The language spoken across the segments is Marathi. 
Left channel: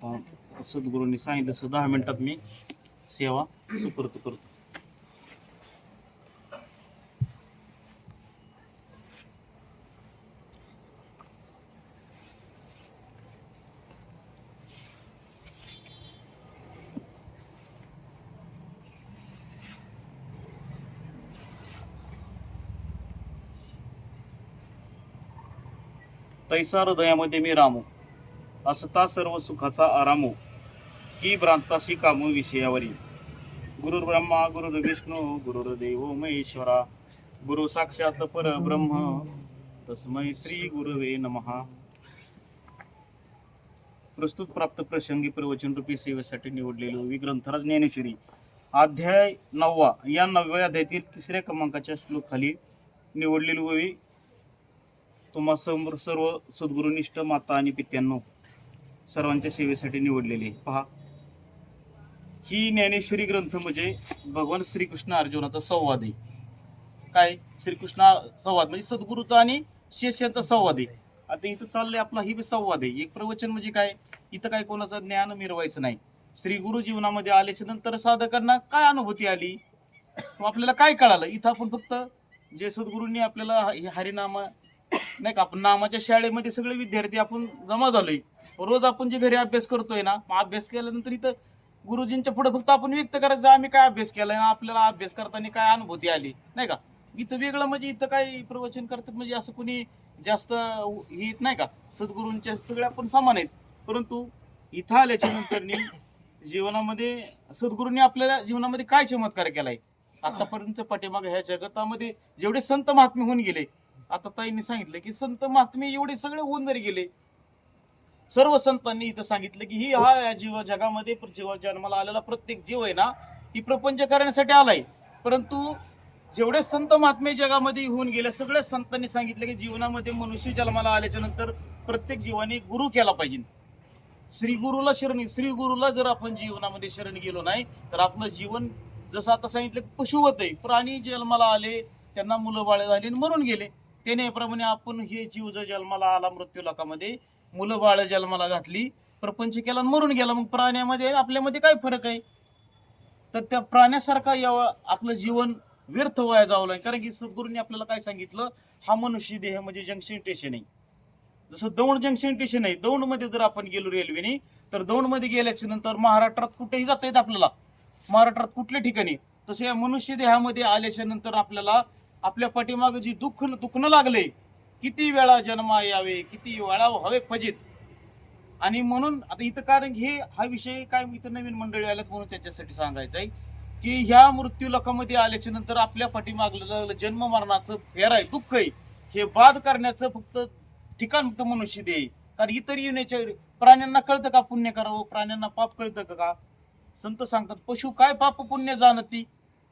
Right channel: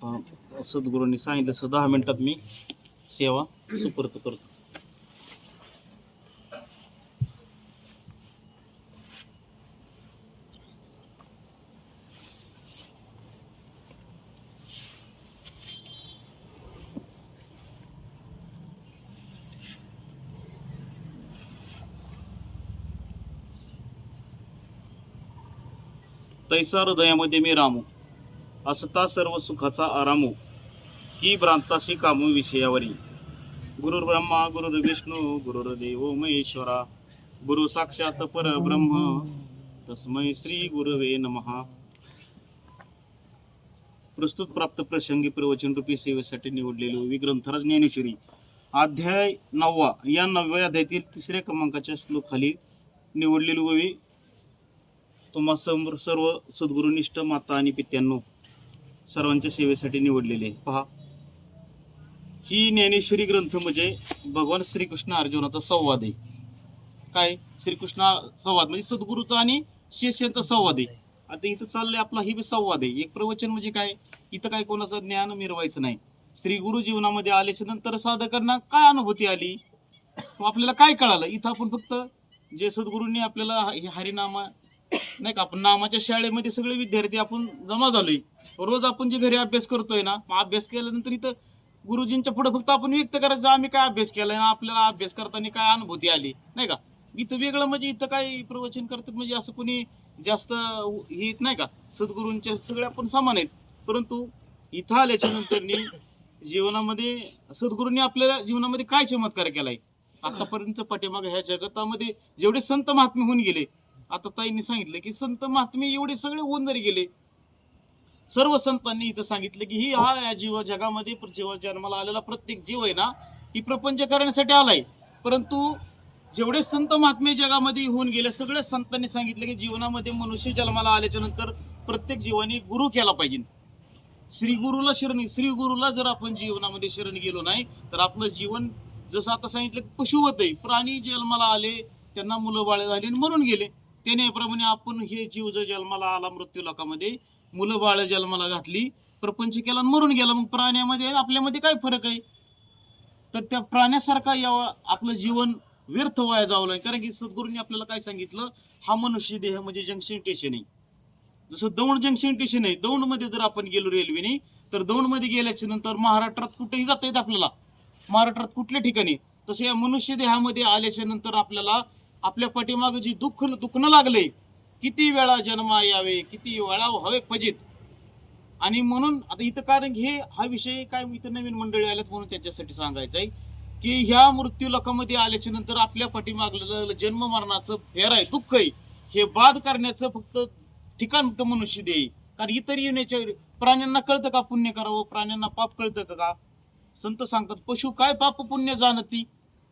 आता सद्गुरूंनी सांगितलं तसं 10 मिनिटात मी सेवा सुपूर्त करतो. तैसा हृदयामध्ये मी रामू, असता सर्व सुखाचा आरामो, की भ्रांतासी कामू विषयावरी. गुरुर् ब्रह्मा गुरुर्विष्णू गुरुर्देव महेश्वरा, गुरु साक्षात परब्रह्म तस्मै श्री गुरवे नमः. प्रस्तुत प्राप्त प्रसंगी प्रवचन रूपी सेवेसाठी निवडलेले विग्रंथराज ज्ञानेश्वरी अध्याय 9. या 9व्या अध्यायातील 3ऱ्या क्रमांकाच्या श्लोक खाली निवडलेली ओवी तुम्हा समोर सर्व सद्गुरुनिष्ठ माता आणि पित्यांनो सर्वांच्या सेवेसाठी निवडलेले. पहा, ही ज्ञानेश्वरी ग्रंथ म्हणजे भगवान श्रीकृष्ण अर्जुनाचा संवाद आहे. काय श्रीकृष्ण संवाद म्हणजे सद्गुरूचा आणि शिष्यांचा संवाद आहे. आता इथं चाललंय आपला ही संवाद आहे. एक प्रवचन म्हणजे काय, इथं काय कोणाचं ज्ञान मिरवायचं नाही. श्री गुरु जीवनामध्ये आल्याच्या नंतर साधकांना काय अनुभूती आली, आपल्याला काय कळालं, इथं आपण फक्त जे सद्गुरूंनी आपल्याला हरिनामा नाही का, आपण नामाच्या शाळेमध्ये सगळे विद्यार्थी आपण जमा झालोय. रोज आपण जे घरी अभ्यास करतोय ना, अभ्यास केल्यानंतर इथं गुरुजींच्या पुढे फक्त आपण व्यक्त करायचं आम्ही काय अभ्यास केलाय ना, आपल्याला अभ्यास करताना काय अनुभूती आली नाही का. इथं वेगळं म्हणजे इथं काय प्रवचन करतात म्हणजे असं कोणी जास्त हे नाही का, सद्गुरूंच्या सगळे आपण समान आहेत. परंतु इथं आल्याच्या नंतर जीवनामध्ये सद्गुरूंनी आपल्याला जीवनामध्ये काय चमत्कार केलाय, आतापर्यंत पाठीमागे ह्या जगतामध्ये जेवढे संत महात्मे होऊन गेले, आता ताईंनी सांगितलं की संत महात्मे एवढे सगळे होऊन जरी गेले, सर्व संतांनी इथं सांगितलं की ही हा जीव जगामध्ये जीव जन्माला आलेला प्रत्येक जीव आहे ना, ही प्रपंच करण्यासाठी आलाय. परंतु जेवढे संत महात्मे जगामध्ये होऊन गेले, सगळ्या संतांनी सांगितलं की जीवनामध्ये मनुष्य जन्माला आल्याच्या नंतर प्रत्येक जीवाने गुरु केला पाहिजे. श्री गुरुला जर आपण जीवनामध्ये शरण गेलो नाही तर आपलं जीवन जसं आता सांगितलं की पशु होतंय. प्राणी जन्माला आले, त्यांना मुलं बाळ झाली आणि मरून गेले. त्यानेप्रमाणे आपण हे जीव जर जन्माला आला मृत्यू लोकामध्ये, मुलं बाळ जन्माला घातली, प्रपंच केला आणि मरून गेला, मग प्राण्यामध्ये आपल्यामध्ये काय फरक आहे. तर त्या प्राण्यासारखा यावं आपलं जीवन व्यर्थ व्हायला जाऊ नये. कारण की सद्गुरूंनी आपल्याला काय सांगितलं, हा मनुष्य देह म्हणजे जंक्शन स्टेशन आहे. जसं दौंड जंक्शन स्टेशन आहे, दौंडमध्ये जर आपण गेलो रेल्वेने तर दौंडमध्ये गेल्याच्या नंतर महाराष्ट्रात कुठेही जाता येत आपल्याला, महाराष्ट्रात कुठल्या ठिकाणी. तसे या मनुष्य देहामध्ये आल्याच्या नंतर आपल्याला आपल्या पाठीमागे जी दुखणं लागले, किती वेळा जन्मा यावे, किती वेळा व्हावे फजित. आणि म्हणून आता इथं कारण हे हा विषय काय इथं नवीन मंडळी आल्यात म्हणून त्याच्यासाठी सांगायचं आहे की ह्या मृत्यू लोकांमध्ये आल्याच्या नंतर आपल्या पाठीमागलं जन्म मरणाचं फेर आहे, दुःख आहे, हे बाद करण्याचं फक्त ठिकाण फक्त मनुष्य देह. कारण इतर येण्याच्या प्राण्यांना कळतं का पुण्य करावं, प्राण्यांना पाप कळतं का. संत सांगतात पशु काय पाप पुण्य जाणती,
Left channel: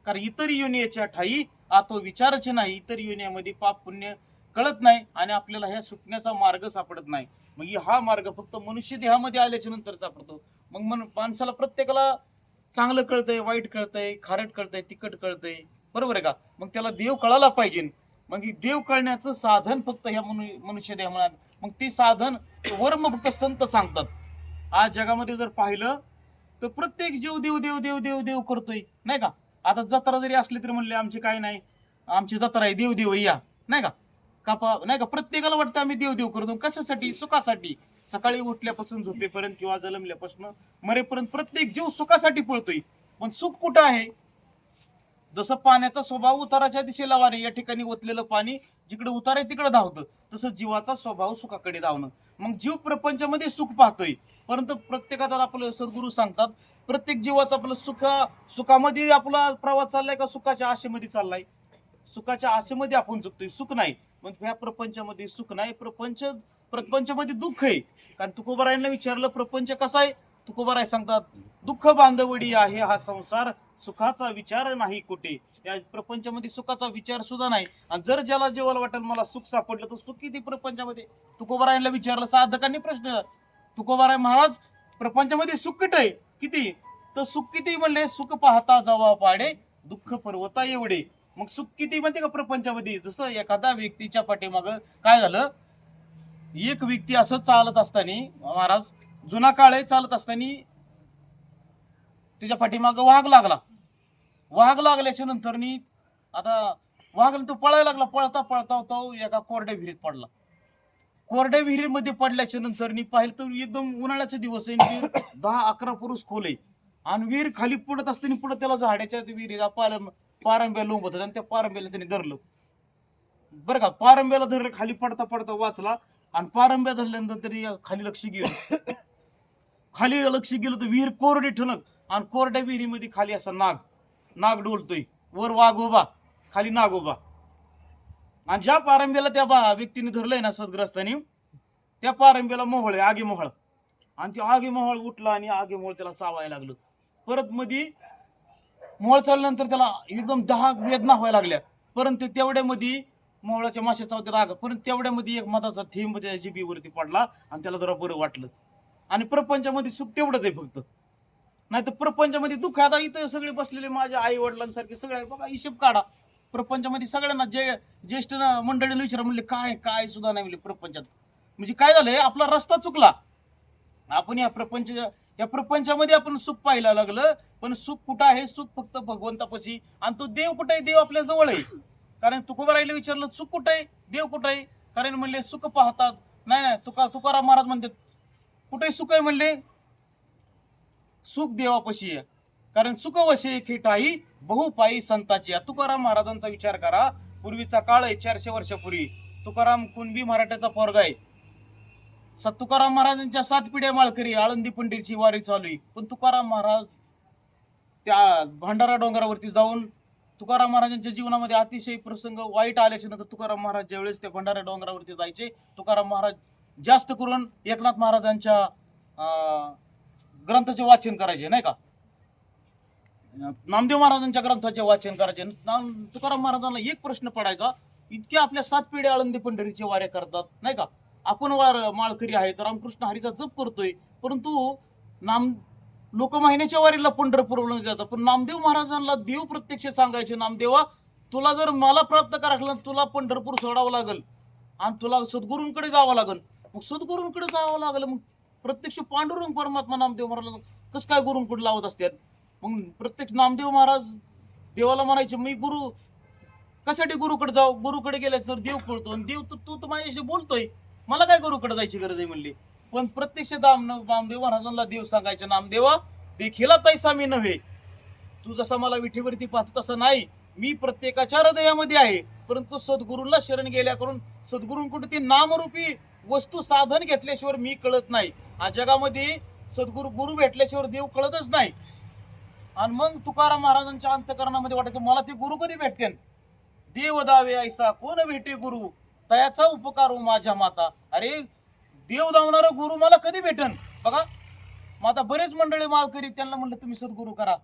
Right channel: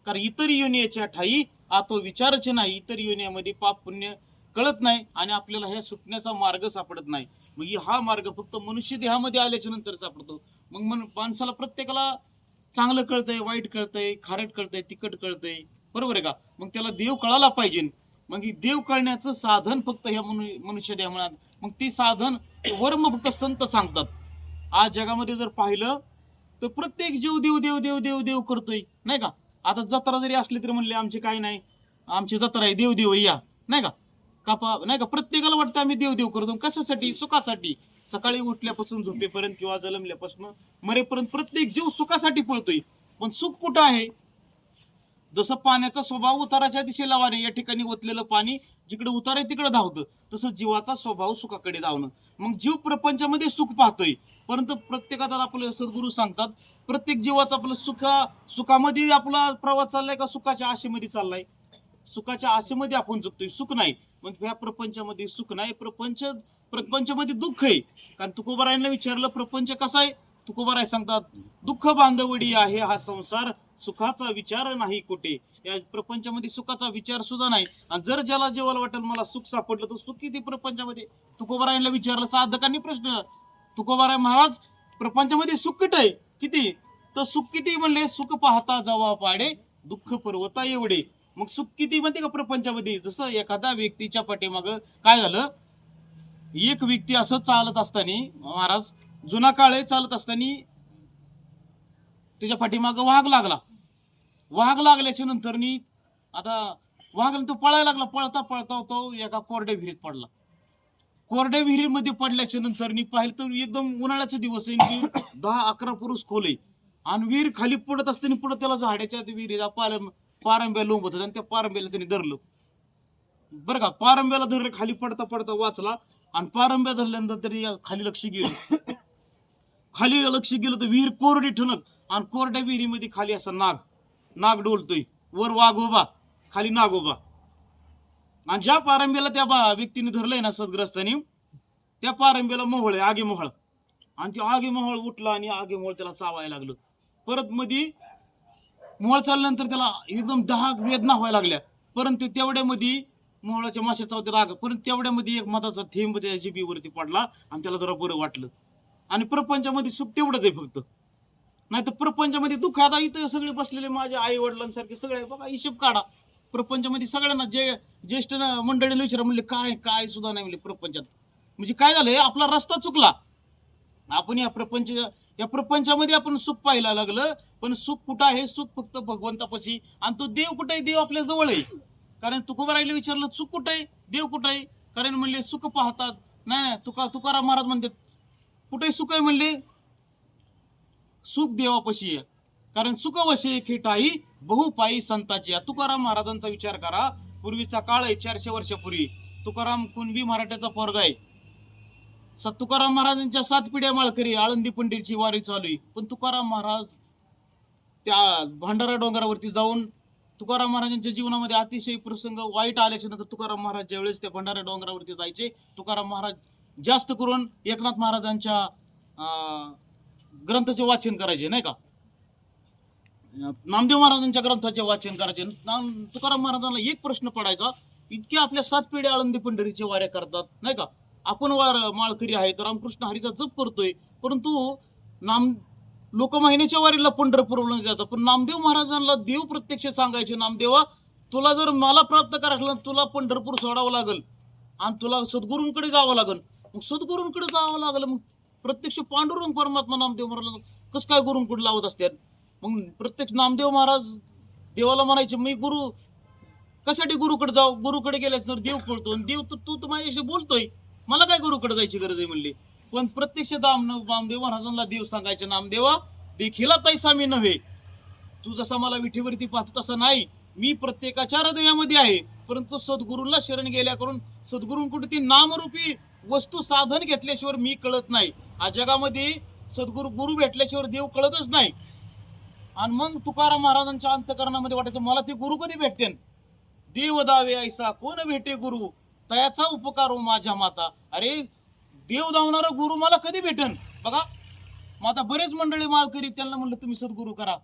कारण इतर योनीच्या ठाई तो विचारच नाही. इतर योनीमध्ये पाप पुण्य कळत नाही आणि आपल्याला ह्या सुटण्याचा मार्ग सापडत नाही. मग हा मार्ग फक्त मनुष्य देहामध्ये आल्याच्या नंतर सापडतो. मग माणसाला प्रत्येकाला चांगलं कळतंय, वाईट कळतंय, खारट कळतंय, तिखट कळतंय, बरोबर आहे का. मग त्याला देव कळायला पाहिजे. मग ही देव कळण्याचं साधन फक्त ह्या मनुष्य देहामध्ये, मग ती साधन वर्म फक्त संत सांगतात. आज जगामध्ये जर पाहिलं तर प्रत्येक जीव देव देव देव देव देव करतोय नाही का. आता जत्रा जरी असली तरी म्हणले आमचे काय नाही, आमची जत्रा आहे, देव देव या नाही का, कापा नाही का. प्रत्येकाला वाटतं आम्ही देव देव करतो. कशासाठी, सुखासाठी. सकाळी उठल्यापासून झोपेपर्यंत किंवा जन्मल्यापासून मरेपर्यंत प्रत्येक जीव सुखासाठी पळतोय. पण सुख कुठं आहे. जसं पाण्याचा स्वभाव उताराच्या दिशेला वारे, या ठिकाणी ओतलेलं पाणी जिकडे उतार आहे तिकडे धावतं, तसं जीवाचा स्वभाव सुखाकडे धावणं. मग जीव प्रपंचामध्ये सुख पाहतोय, परंतु प्रत्येकाचा आपलं सद्गुरू सांगतात प्रत्येक जीवाचा आपलं सुखामध्ये आपला प्रवास चाललाय का सुखाच्या आशेमध्ये चाललाय. सुखाच्या आशेमध्ये आपण जगतोय, सुख नाही. मग ह्या प्रपंचामध्ये सुख नाही, प्रपंचामध्ये दुःख आहे. कारण तुकोबारायांना विचारलं प्रपंच कसा आहे, तुकोबाराय सांगतात दुःख बांधवडी आहे हा संसार, सुखाचा विचार नाही कुठे. या प्रपंचामध्ये सुखाचा विचार सुद्धा नाही. आणि जर ज्याला जेवायला वाटेल मला सुख सापडलं तर सुख किती प्रपंचामध्ये. तुकोबारायांना विचारलं साधकांनी प्रश्न, तुकोबाराय महाराज प्रपंचामध्ये सुख किती किती, तर सुख किती म्हणले, सुख पाहता जावा पाडे, दुःख पर्वता एवढे. मग सुख किती म्हणते का प्रपंचामध्ये. जसं एखाद्या व्यक्तीच्या पाठीमाग काय झालं, एक व्यक्ती असं चालत असताना महाराज जुना काळ आहे, चालत असताना त्याच्या पाठीमागं वाघ लागला. वाघ लागल्याच्या नंतर आता वाघ तो पळायला लागला. पळता पळता तो एका कोरड्या विहिरीत पडला. कोरड्या विहिरीमध्ये पडल्याच्या नंतर पाहिलं तर एकदम उन्हाळ्याचे दिवस आहे, 10-11 पुरुष खोल आहे आणि विहीर खाली पडत असताना पुढे त्याला झाडाच्या विहिरीला पारंब्या लोंबत होत्या आणि त्या पारंब्याला त्यांनी धरलं. बरं का, पारंब्याला धरलं, खाली पडता पडता वाचला आणि पारंब्या धरल्यानंतर तरी खाली लक्ष गेलं. खाली लक्ष गेलं तर विहीर कोरडी ठणक आणि कोरड्या विहिरीमध्ये खाली असा नाग डोलतोय, वर वाघ उभा, खाली नाग उभा. आणि ज्या पारंब्याला त्या व्यक्तीने धरलंय ना सदग्रस्तानी, त्या पारंब्याला मोहळ आहे, आगी मोहळ, आणि ते आगी मोहळ उठला आणि आगी मोहळ त्याला चावायला लागलं. परत मध्ये मोहळ चालल्यानंतर त्याला एकदम 10 वेदना व्हायला लागल्या. परंतु तेवढ्यामध्ये मोहळाच्या माशाचा होता राग, परंतु तेवढ्यामध्ये एक मधाचा थेंब त्या जिभेवरती पडला आणि त्याला जरा बरं वाटलं. आणि प्रपंचामध्ये सुख तेवढंच आहे फक्त, नाही तर प्रपंचामध्ये दुःख. आता इथं सगळे बसलेले माझ्या आई वडिलांसारखे सगळे बघा, हिशोब काढा. प्रपंचामध्ये सगळ्यांना ज्येष्ठ मंडळीला विचारा, म्हणले काय सुद्धा नाही म्हणले प्रपंचात. म्हणजे काय झालंय, आपला रस्ता चुकला. आपण या प्रपंचामध्ये आपण सुख पाहायला लागलं, पण सुख कुठं आहे? सुख फक्त भगवंतापाशी. आणि तो देव कुठे आहे? देव आपल्या जवळ आहे. कारण तुकोबारायला विचारलं सुख कुठं आहे, देव कुठं आहे? कारण म्हणले सुख पाहतात. नाही, तुकाराम महाराज म्हणतात कुठे सुख आहे? म्हणले सुख देवापाशी आहे. कारण सुख वशे खेटाई बहुपाई संताची. तुकाराम महाराजांचा विचार करा. पूर्वीचा काळ आहे, 400 वर्षापूर्वी. तुकाराम कुणबी मराठ्याचा पोरगा आहे. तुकाराम महाराजांच्या 7 पिढ्या माळकरी, आळंदी पंढरीची वारी चालू आहे. पण तुकाराम महाराज त्या भंडारा डोंगरावरती जाऊन, तुकाराम महाराजांच्या जीवनामध्ये अतिशय प्रसंग वाईट आल्याच्या नंतर तुकाराम महाराज ज्यावेळेस त्या भंडारा डोंगरावरती जायचे, तुकाराम महाराज जास्त करून एकनाथ महाराजांच्या ग्रंथाचे वाचन करायचे, नाही का, नामदेव महाराजांच्या ग्रंथाचे वाचन करायचे. तुकाराम महाराजांना एक प्रश्न पडायचा, इतके आपल्या 7 पिढ्या आळंदी पंढरीचे वाऱ्या करतात, नाही का, आपण माळकरी आहेत, रामकृष्ण हरीचा जप करतोय, परंतु लोक महिन्याच्या वारीला पंढरपूरला जातात. पण नामदेव महाराजांना देव प्रत्यक्ष सांगायचे, नामदेवा तुला जर मला प्राप्त करायला तुला पंढरपूर सोडावं लागल आणि तुला सद्गुरूंकडे जावं लागल. मग सद्गुरूंकडे जावं लागलं, मग प्रत्यक्ष पांडुरंग परमात्मा नामदेव महाराज कसं काय गुरूंकडे लावत असतात? मग प्रत्यक्ष नामदेव महाराज देवाला म्हणायचे, मी गुरु कशासाठी गुरुकडे जाऊ? गुरुकडे गेल्याच तर देव कळतो, आणि देव तू तर माझ्याशी बोलतोय, मला काय गुरुकडे जायची गरज आहे म्हणली. पण प्रत्यक्ष नामदेव महाराजांना देव सांगायचे, नामदेवा देखीला तैसा मी नव्हे, तू जसा मला विठीवरती पाहतो तसा नाही, मी प्रत्येकाच्या हृदयामध्ये आहे. परंतु सद्गुरूंना शरण गेल्या करून सद्गुरूंकडे ती नामरूपी वस्तू साधन घेतल्याशिवाय मी कळत नाही. आज जगामध्ये गुरु भेटल्याशिवाय देव कळतच नाही. आणि मग तुकाराम महाराजांच्या अंतकरणामध्ये वाटायचं, मला ते गुरु कधी भेटते? देव दावे ऐसा कोण भेटे गुरु, तयाचा उपकार हो माझ्या माता. अरे देव दावणारा गुरु मला कधी भेटन? बघा, मग आता बरेच मंडळी माळकरी, त्यांना म्हणलं तुम्ही सद्गुरू करा.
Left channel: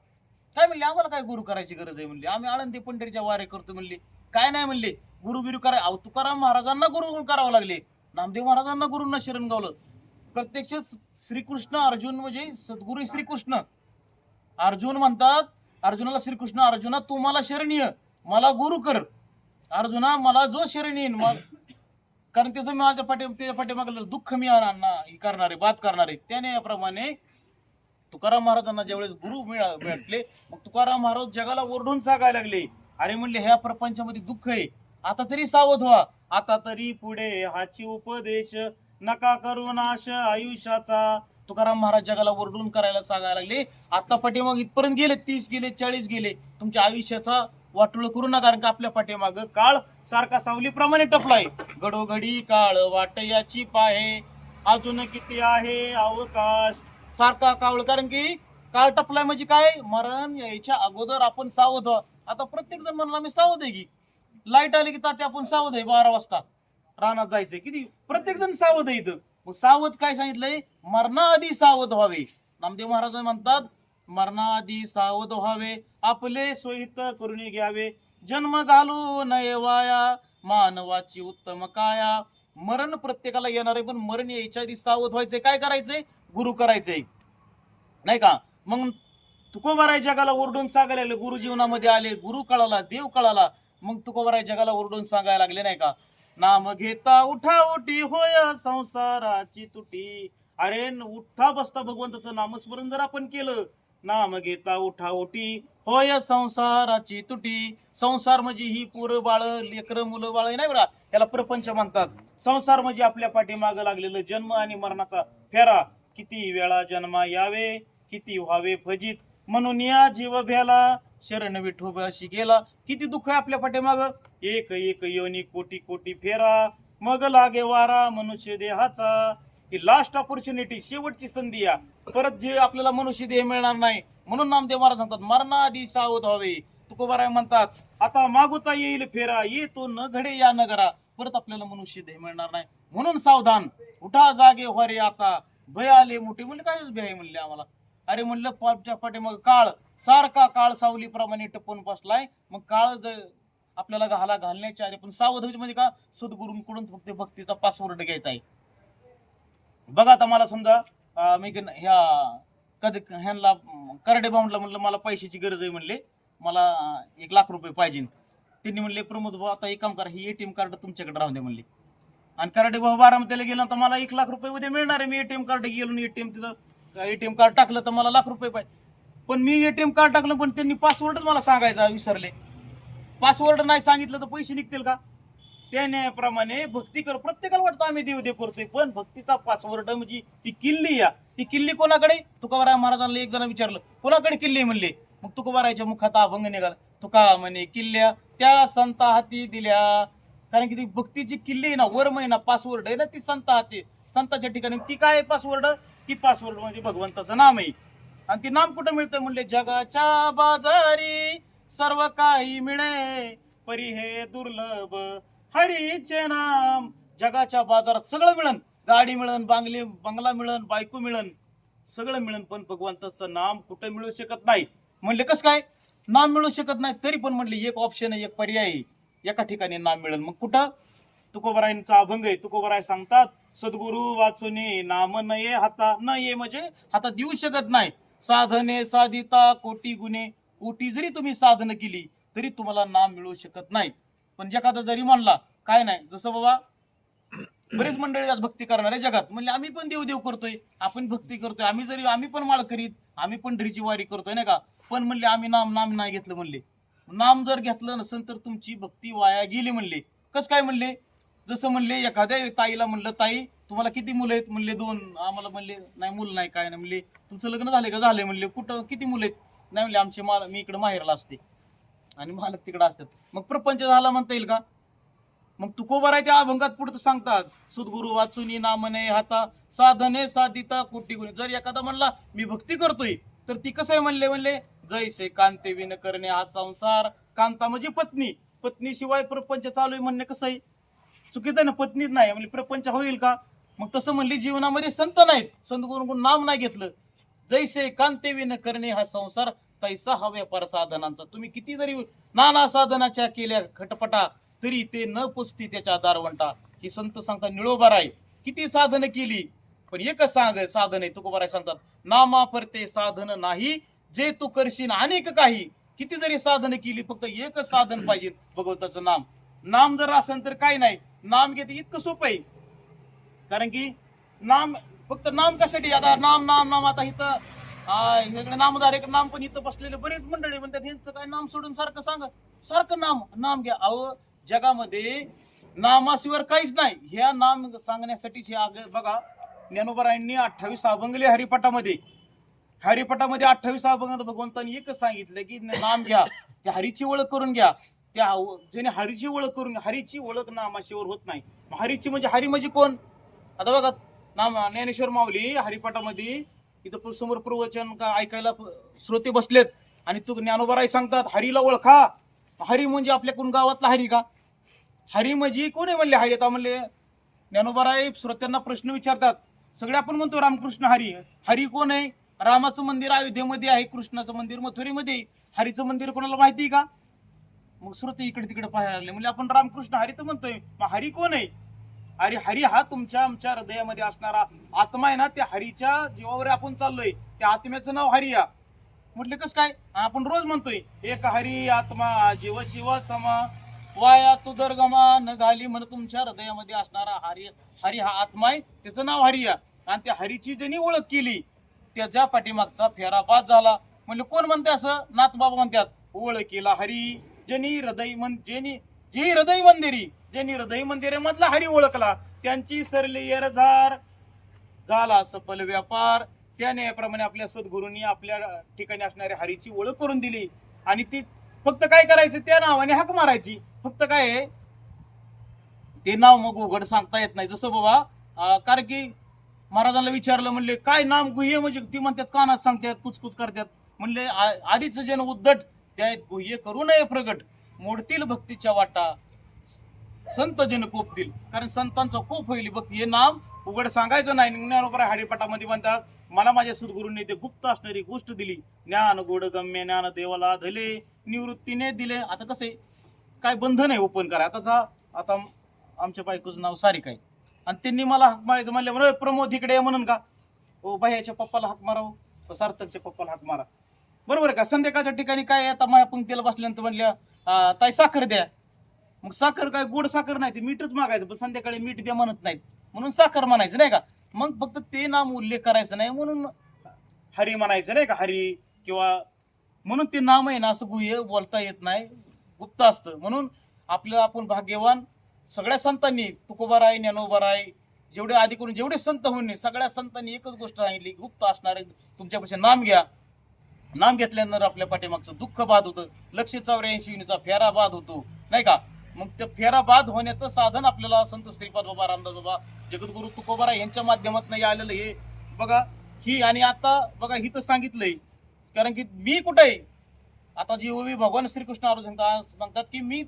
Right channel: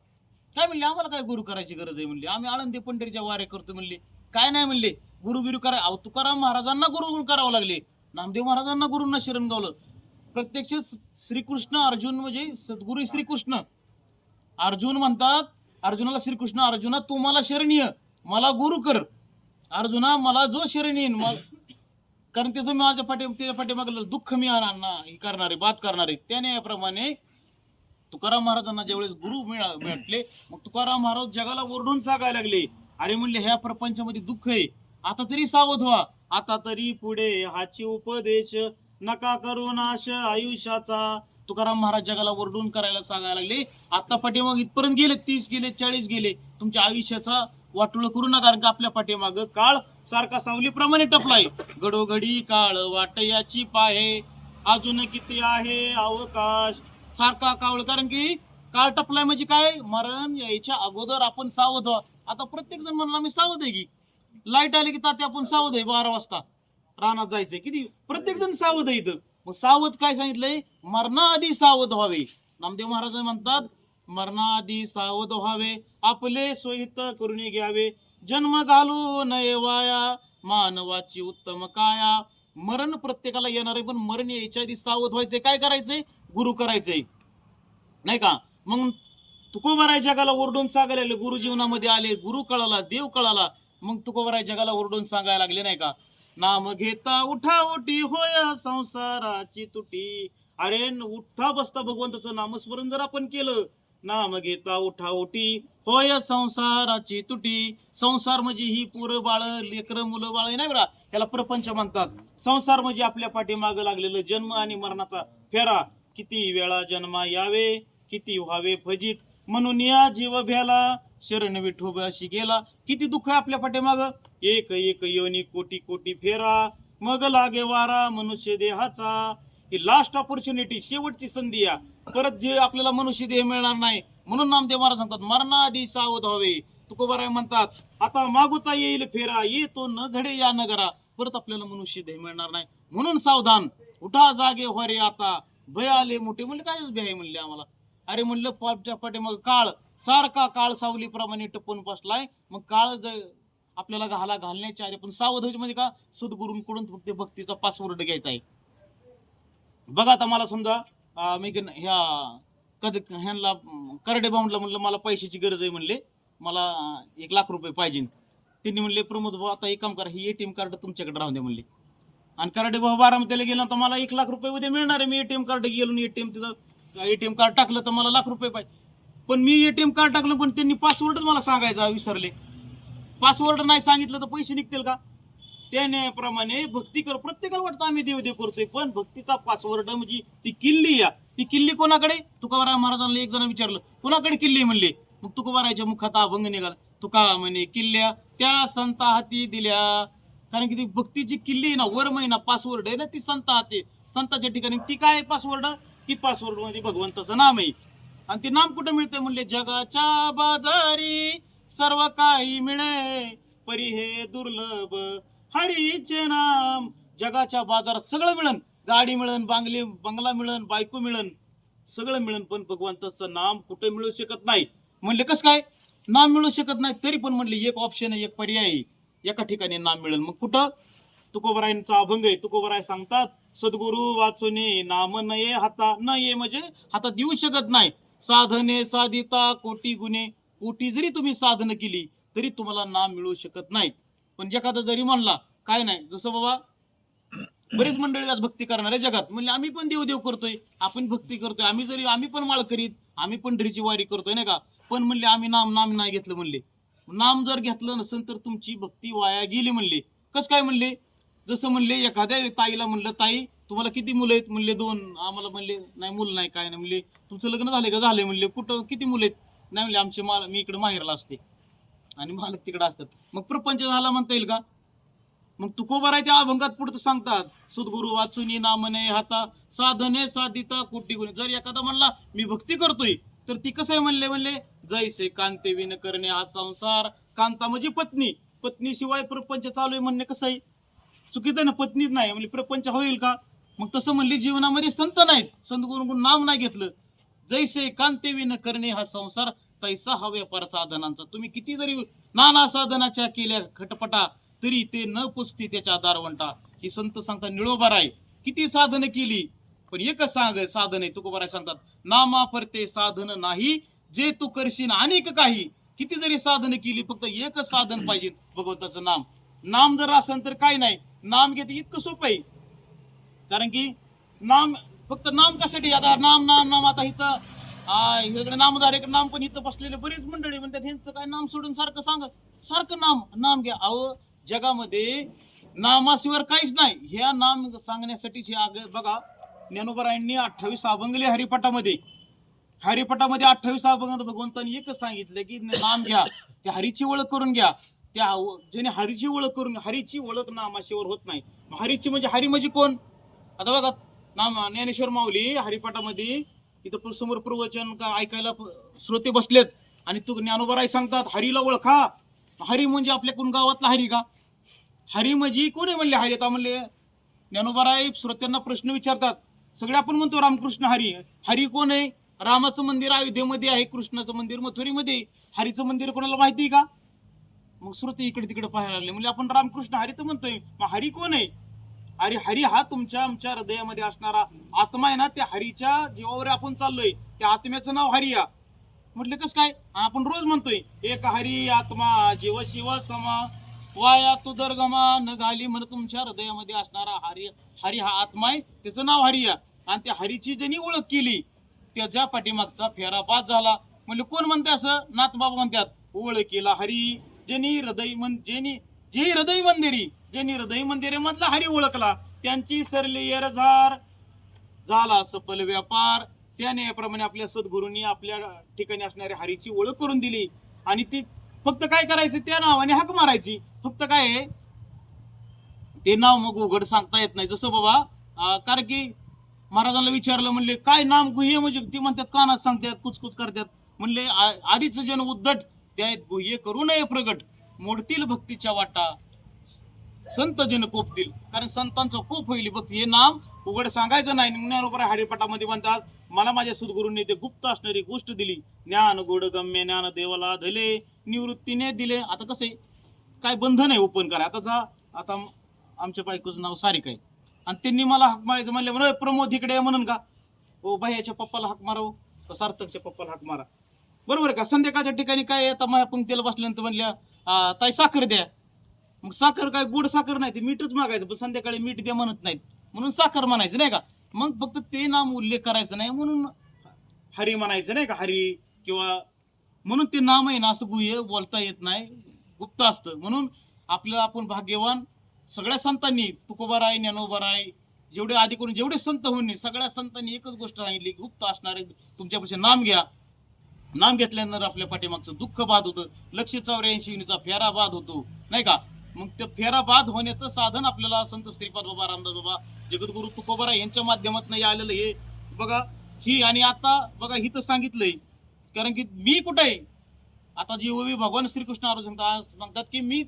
काय म्हणले, आम्हाला काय गुरु करायची गरज आहे म्हणले, आम्ही आळंदी पंढरीच्या वारे करतो म्हणले. काय नाही म्हणले, गुरु बिरू करा. अहो तुकाराम महाराजांना गुरु करावं लागले, नामदेव महाराजांना गुरूंना शरण गावलं. प्रत्यक्ष श्रीकृष्ण अर्जुन म्हणजे सद्गुरू श्रीकृष्ण. अर्जुन म्हणतात अर्जुनाला श्रीकृष्ण, अर्जुना तू मला शरण ये, मला गुरु कर. अर्जुना मला जो शरण येईन, कारण त्याचं माझ्या त्याच्या पाठीमागलं दुःख मी करणारे बात करणारे. त्याने याप्रमाणे तुकाराम महाराजांना ज्यावेळेस गुरु भेटले, मग तुकाराम महाराज जगाला ओरडून सांगायला लागले, अरे म्हणले ह्या प्रपंचामध्ये दुःख आहे, आता तरी सावध व्हा, आता तरी पुढे हाची उपदेश, नका करू नाश आयुष्याचा. तुकाराम महाराज जगाला ओरडून करायला सांगायला लागले, आता पाठीमाग इथपर्यंत गेले, 30 गेले, 40 गेले, तुमच्या आयुष्याचा वाटोळ करू नका, कारण का आपल्या पाठीमाग काळ सारखा सावलीप्रमाणे टपलाय. घडोघडी काळ वाट याची पाहे, अजून किती आहे अवकाश. सारखा काळ, कारण की काळ टपलाय म्हणजे काय, मरण यायच्या अगोदर आपण सावध व्हा. आता प्रत्येक जण म्हणला मी सावध आहे की, लाईट आली की तात्या आपण सावध आहे, 12 वाजता रानात जायचंय, किती प्रत्येक जण सावध आहे इथं. मग सावध काय सांगितलंय, मरणाआधी सावध व्हावे. नामदेव महाराज म्हणतात, मरणाआधी सावध व्हावे, आपले सोहित करून घ्यावे, जन्म घालू नये वाया, मानवाची उत्तम काया. मरण प्रत्येकाला येणार आहे, पण मरण यायच्या आधी सावध व्हायचंय. काय करायचंय, गुरु करायचंय, नाही का. मग तुकोबाराय जगाला ओरडून सांगायला लागले, गुरु जीवनामध्ये आले, गुरु कळाला, देव कळाला. मग तुकोबाराय जगाला ओरडून सांगायला लागले, नाही का, नाम घेता उठावटी होय संसाराची तुटी, अरे उठता बसता भगवंताचं नामस्मरण जर आपण केलं, नाम घेता उठा ओटी होय संसाराची तुटी. संसार म्हणजे ही पोरं बाळ लेकरं मुलं बाळ नाही बरा, याला प्रपंच म्हणतात. संसार म्हणजे आपल्या पाठीमागं लागलेलं जन्म आणि मरणाचा फेरा. किती वेळा जन्मा यावे, किती व्हावे फजित, म्हणून या जीव भ्याला शरण विठोबाशी गेला. किती दुःख आहे आपल्या पाठीमागं, एक एक योनी कोटी कोटी फेरा, मग लागे वारा मनुष्य देहाचा. ही लास्ट ऑपॉर्च्युनिटी, शेवटची संधी या. परत जे आपल्याला मनुष्य देह मिळणार नाही. म्हणून नामदेव महाराज सांगतात मरणाआधी सावध व्हावे. तुकोबाराय म्हणतात आता मागुता येईल फेरा, येतो न घडे या नगरा. परत आपल्याला मनुष्य देह मिळणार नाही, म्हणून सावधान. उठा जागे व्हारे आता, भय आले मोठे. म्हणले काय भय म्हणले आम्हाला? अरे म्हणलं पाठे मग काळ सारखा काळ सावलीप्रमाणे टपून बसलाय. मग काळ आपल्याला घालण्याच्या आधी पण सावध व्हायचं. म्हणजे का? सद्गुरूंकडून फक्त भक्तीचा पासवर्ड घ्यायचा आहे. बघा आता मला समजा मी ह्या कधी ह्यांना करडे बाउंडला म्हणलं मला पैशाची गरज आहे, म्हणले मला 1,00,000 रुपये पाहिजे. त्यांनी म्हणले प्रमोद भाऊ आता एक काम करा, ही ATM कार्ड तुमच्याकडे राहून दे म्हणले. आणि करडे भाऊ बारामतीला गेला तर मला 1,00,000 रुपये उद्या मिळणार आहे. मी ATM कार्ड गेलो, ATM कार्ड टाकलं तर मला 1,00,000 रुपये पाहिजे. पण मी ATM कार्ड टाकलं पण त्यांनी पासवर्डच मला सांगायचा विसरले. पासवर्ड नाही सांगितलं तर पैसे निघतील का? त्याप्रमाणे भक्ती कर. प्रत्येकाला वाटतं आम्ही देव करतोय, पण भक्तीचा पासवर्ड म्हणजे ती किल्ली या. ती किल्ली कोणाकडे? तुकोबाराय महाराजांना एक जण विचारलं कोणाकडे किल्ली म्हणले. मग तुकोबारायच्या मुखात अभंग निघाला. तुका म्हणे किल्ल्या त्या संता हाती दिल्या. कारण की ती भक्तीची किल्ली आहे ना, वर महिना पासवर्ड आहे ना, ती संता हाती. संताच्या ठिकाणी ती काय पासवर्ड? ती पासवर्ड मध्ये भगवंताचं नाम आहे. आणि ती नाम कुठं मिळतं म्हणले? जगाच्या बाजारी सर्व काही मिळे, परी हे दुर्लभ हरीचे नाम. जगाच्या बाजारात सगळं मिळन, गाडी मिळन, बंगला मिळन, बायको मिळन, सगळं मिळन, पण भगवंताचं नाम कुठे मिळू शकत नाही. म्हणले कसं काय नाम मिळू शकत नाही? तरी पण म्हणले एक ऑप्शन आहे, एक पर्याय आहे, एका ठिकाणी नाम मिळेल. मग कुठं? तुकोबारायांचा अभंग आहे. तुकोबाराय सांगतात सद्गुरु वाचुनी नाम नये हाता. नये म्हणजे हातात देऊ शकत नाही. साधने साधिता कोटी गुणे. कोटी जरी तुम्ही साधन केली तरी तुम्हाला नाम मिळू शकत नाही. पण एखादा जरी म्हणला काय नाही, जसं बाबा बरीच मंडळी आज भक्ती करणारे जगात म्हणले आम्ही पण देव करतोय, आपण भक्ती करतोय, आम्ही पण माळ करीत, आम्ही पण ढरीची वारी करतोय नाही का, पण म्हणले आम्ही नाम नाही घेतलं. म्हणले नाम जर घेतलं नसेल तर तुमची भक्ती वाया गेली. म्हणले कसं काय? म्हणले जसं म्हणले एखाद्या ताईला म्हणलं ताई तुम्हाला किती मुलं आहेत? म्हणले 2. आम्हाला म्हणले नाही मुलं नाही काय नाही. म्हणले तुमचं लग्न झाले का? झाले. म्हणले कुठं किती मुलं आहेत? नाही म्हणले आमचे मी इकडे माहेरला असते आणि मालक तिकडे असतात. मग प्रपंच झाला म्हणता येईल का? मग तुकोबाराय त्या अभंगात पुढे सांगतात सद्गुरु वाचुनी नाम नये हाता, साधने साधिता कोटी गुणे. जर एखादा म्हणला मी भक्ती करतोय तर ती कसं आहे? म्हणले जैसे कांते विन करणे हा संसार. कांता म्हणजे पत्नी, पत्नीशिवाय प्रपंच चालू आहे म्हणणे कसं आहे? चुकीचं आहे ना. पत्नीच नाही म्हणजे प्रपंच होईल का? मग तसं म्हणली जीवनामध्ये संत नाहीत, संत गुरुकडून नाम नाही घेतलं. जैसे कांते विन करणे हा संसार, तैसा हा व्यापार साधनांचा. तुम्ही किती जरी नाना साधनाच्या केल्या खटपटा तरी ते न पुसती त्याच्या दारवंटा. ही संत सांगतात निळोबाराय किती साधन केली पण एकच साधन आहे. तुकोबाराय सांगतात नामा परते साधन नाही, जे तू करशील अनेक काही. किती जरी साधन केली फक्त एकच साधन पाहिजे, भगवंताचं नाम. नाम जर असेल तर काय नाही, नाम घेते इतकं सोपं आहे. कारण की नाम फक्त नाम कशासाठी? आता नाम आता इथं इकडे नामधार एक नाम पण इथं बसलेले बरेच मंडळी म्हणतात ह्यांचं काय नाम सोडून सारखं नाम घ्या. अहो जगामध्ये नामाशिवाय काहीच नाही. ह्या नाम सांगण्यासाठी बघा ज्ञानोबारायांनी 28 अभंग लिहिले हरिपाठामध्ये. 28 अभंगात भगवंतांनी एकच सांगितलं की नाम घ्या, त्या हरीची ओळख करून घ्या. त्या ज्याने हरीची ओळख करून, हरीची ओळख नामाशिवाय होत नाही. हरीची म्हणजे हरी म्हणजे कोण? आता बघा नाम ज्ञानेश्वर माऊली हरिपाठामध्ये इथं समोर प्रवचन का ऐकायला श्रोते बसलेत आणि तू ज्ञानोबाराय सांगतात हरीला ओळखा. हरी म्हणजे आपल्याकडून गावातला हरी का? हरी म्हणजे कोण आहे? म्हणले हरी. आता म्हणले ज्ञानोबाराय श्रोत्यांना प्रश्न विचारतात. सगळे आपण म्हणतो रामकृष्ण हरी. हरी कोण आहे? रामाचं मंदिर अयोध्येमध्ये आहे, कृष्णाचं मंदिर मथुरेमध्ये. हरीचं मंदिर कोणाला माहिती का? मग श्रोते इकडे तिकडे पाहायला लागले. म्हणजे आपण रामकृष्ण हरी तर म्हणतोय, मग हरी कोण आहे? अरे हरी हा आमच्या हृदयामध्ये असणारा आत्मा आहे ना. त्या हरीच्या जीवावर आपण चाललोय, त्या आत्म्याचं नाव हरिया. म्हटले कसं काय? आपण रोज म्हणतोय एक हरी आत्मा जीव शिव समा, वाया तू दर्गमा न घाली. म्हणून तुमच्या हृदयामध्ये असणारा हरी हा आत्मा आहे, त्याचं नाव हरिया. आणि त्या हरीची ज्यांनी ओळख केली त्याच्या पाठीमागचा फेरा बाद झाला. म्हणजे कोण म्हणते असं? नाथबाबा म्हणतात, ओळखीला हरी ज्यांनी हृदय जे हृदय मंदिरी, ज्यांनी हृदय मंदिर मधला हरी ओळखला त्यांची सरली येरझार झाला सफल व्यापार. त्याने याप्रमाणे आपल्या सद्गुरूंनी आपल्या ठिकाणी असणाऱ्या हरीची ओळख करून दिली. आणि ती फक्त काय करायचं, त्या नावाने हाक मारायची. फक्त काय आहे, ते नाव मग उघड सांगता येत नाही. जसं बाबा कारण की महाराजांना विचारलं, म्हणले काय नाम गुह्य, म्हणजे ती म्हणतात कानात सांगतात, कुचकुच करतात. म्हणले आधीच जन उद्धट, त्या गुह्य करू नये प्रगट, मोडतील भक्तीच्या वाटा संत जन कोपतील. कारण संतांचा कोप होईल भक्ती, हे नाम उघड सांगायचं नाही. ज्ञानोबा हरिपाठामध्ये म्हणतात, मला माझ्या सद्गुरूंनी ते गुप्त असणारी गोष्ट दिली. ज्ञान गोड गम्य ज्ञान देवाला धले, निवृत्तीने दिले. आता कसं आहे, काय बंधन आहे ओपन करा. आता आमच्या बायकोचं नाव सारिका आहे आणि त्यांनी मला हाक मारायचं म्हणलं, म्हणून प्रमोद इकडे म्हणून का, ओ भैयाच्या पप्पाला हाक मारावं, सार्थकच्या पप्पाला हाक मारा, बरोबर आहे का. संध्याकाळच्या ठिकाणी काय, आता माझ्या पंक्तीला बसल्यानंतर म्हणल्या ताई साखर द्या. मग साखर काय गोड साखर नाही, ते मीठच मागायचं, पण संध्याकाळी मीठ द्या म्हणत नाहीत म्हणून साखर म्हणायचं नाही का. मग फक्त ते नाम उल्लेख करायचं नाही म्हणून हरी म्हणायचं नाही का, हरी किंवा म्हणून ते नाम आहे ना असं गुह्य बोलता येत नाही, गुप्त असतं. म्हणून आपल्याला आपण भाग्यवान. सगळ्या संतांनी, तुकोबाराय, ज्ञानोबाराय, जेवढे आधी करून जेवढे संत होणे, सगळ्या संतांनी एकच गोष्ट सांगितली, गुप्त असणारे तुमच्यापाशी नाम घ्या. नाम घेतल्यानंतर आपल्या पाठीमागचं दुःख बाद होतं. 184 फेरा बाद होतो नाही का. मग ते फेरा बाद होण्याचं साधन आपल्याला संत श्रीपाद बाबा, रामदास बाबा, जगद्गुरु तुकोबाराय यांच्या माध्यमातून आलेलं हे बघा. ही आणि आता बघा ही तर सांगितलंय, कारण की मी कुठे आहे आता, जी ओवी भगवान श्रीकृष्ण अर्जुन सांगतात की मी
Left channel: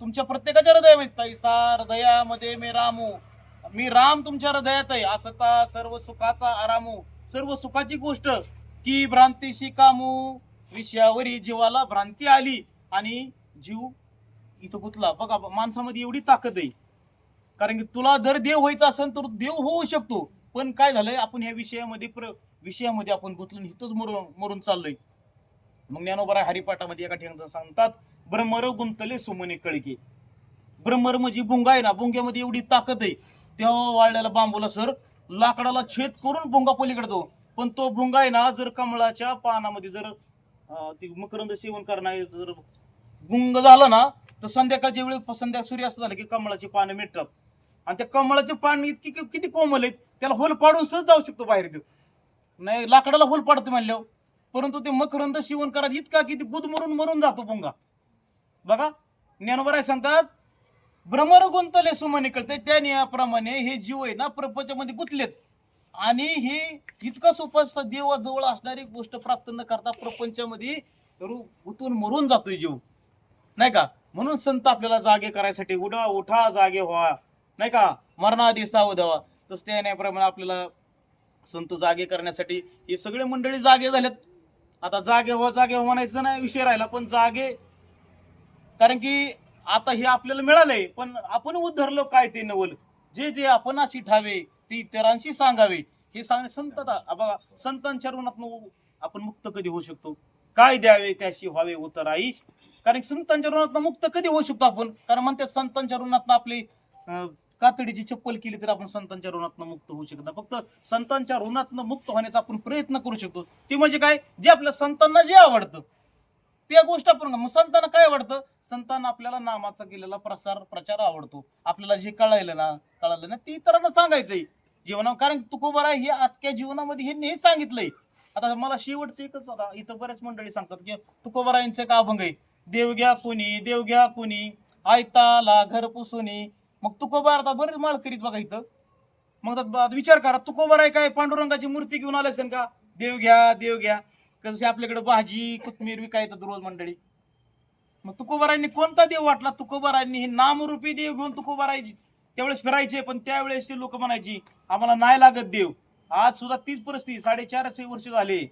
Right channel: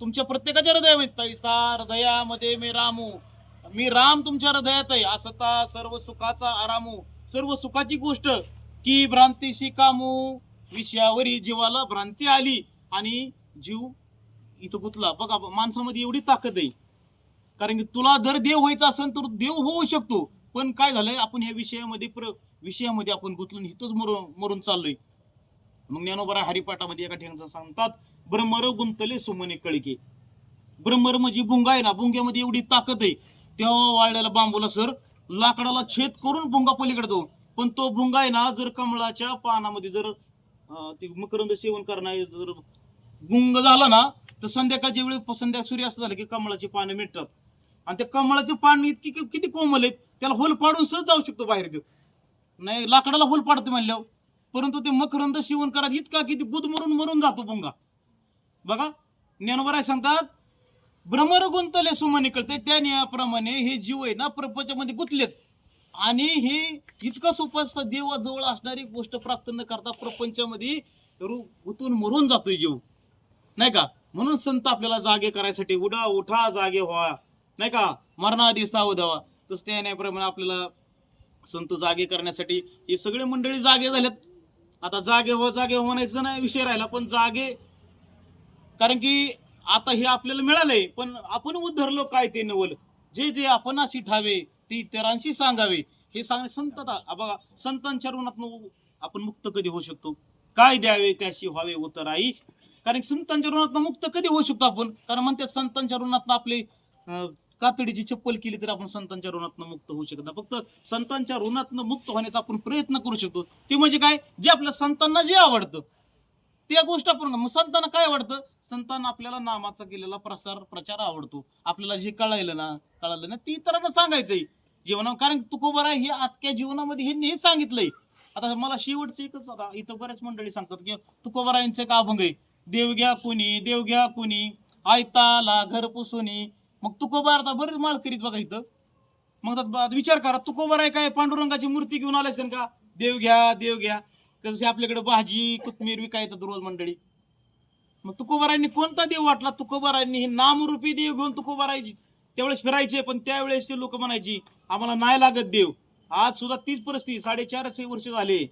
तुमच्या प्रत्येकाच्या हृदयात, हृदयामध्ये मी रामू, मी राम तुमच्या हृदयात आहे. असता सर्व सुखाचा आरामू, सर्व सुखाची गोष्ट की भ्रांतीशी कामू, विषयावरी जीवाला भ्रांती आली आणि जीव इथं गुतला. बघा माणसामध्ये एवढी ताकद आहे, कारण की तुला जर देव व्हायचा असेल तर देव होऊ शकतो. पण काय झालंय, आपण ह्या विषयामध्ये आपण गुंतलून इथंच मरून चाललोय. मग ज्ञानोबा हरिपाठामध्ये एका ठिकाणी सांगतात, ब्रह्मर गुंतले सुमने कळके. ब्रह्मर म्हणजे भुंगा आहे ना, भुंग्यामध्ये एवढी ताकद आहे, तेव्हा वाळलेला बांबूला सर लाकडाला छेद करून भुंगा पलीकडे जाऊ. पण तो भुंगा आहे ना, जर कमळाच्या पानामध्ये जर ती मकरंद सेवन करणारे जर गुंग झाला ना, तर संध्याकाळच्या वेळी सूर्यास्त झाला की कमळाची पानं मिटतात. आणि त्या कमळाचे पान किती कोमल आहेत, त्याला होल पाडून सहज जाऊ शकतो बाहेर. देऊ नाही, लाकडाला होल पाडतो म्हणल्यावर. परंतु ते मकरंद सेवन करा इतका किती गुद मरून जातो भुंगा. बघा ज्ञानोबा सांगतात, भ्रमर गुंतले सुमने कळते. त्या नियाप्रमाणे हे जीव आहे ना प्रपंचामध्ये गुंतलेत, आणि हे इतकं सोपं असतं, देवाजवळ असणारी गोष्ट प्राप्त न करता प्रपंचामध्ये गुंतून मरून जातोय जीव नाही का. म्हणून संत आपल्याला जागे करायसाठी, उठा जागे व्हा नाही का, मरणाआधी सावध व्हा. तसं त्या न्यायाप्रमाणे आपल्याला संत जागे करण्यासाठी हे सगळे मंडळी जागे झालेत. आता जागे व्हा म्हणायचं नाही विषय राहिला, पण जागे, कारण की आता हे आपल्याला मिळालंय, पण आपण उद्धरलो काय ते नवल, जे आपण अशी ठावे ते इतरांशी सांगावे. हे सांगणे संत. बघा संतांच्या ऋणातून आपण मुक्त कधी होऊ शकतो, काय द्यावे त्याशी व्हावे उतराई. कारण संतांच्या ऋणातून मुक्त कधी होऊ शकतो आपण, कारण म्हणतात संतांच्या ऋणातून आपले कातडीची चप्पल केली तर आपण संतांच्या ऋणातून मुक्त होऊ शकत नाही. फक्त संतांच्या ऋणातून मुक्त होण्याचा आपण प्रयत्न करू शकतो. ती म्हणजे काय, जे आपल्या संतांना जे आवडतं त्या गोष्ट आपण. मग संतांना काय आवडतं, संतांना आपल्याला नामाचा केलेला प्रचार आवडतो. आपल्याला जे कळलं ना ती इतरांना सांगायचंय जीवना. कारण तुकोबाराय हे आजच्या जीवनामध्ये हे नेहमी सांगितलंय. आता मला शेवटचं एकच, आता इथं बऱ्याच मंडळी सांगतात की तुकोबारायांचं एक अभंग आहे, देव घ्या कुणी आयताला घर पुसुनी. मग तुकोबा आता बरेच माळ करीत बघा इथं. मग विचार करा, तुकोबाराय काय पांडुरंगाची मूर्ती घेऊन आले असेल का, देव घ्या कसे आपल्याकडे भाजी कोथमीर विकाय येतात रोज मंडळी. मग तुकोबारायांनी कोणता देव वाटला, तुकोबारायांनी हे नामरूपी देव घेऊन तुकोबारायची त्यावेळेस फिरायचे. पण त्यावेळेस ते लोक म्हणायची आम्हाला नाही लागत देव. आज सुद्धा तीच परिस्थिती, 450 वर्ष झाले,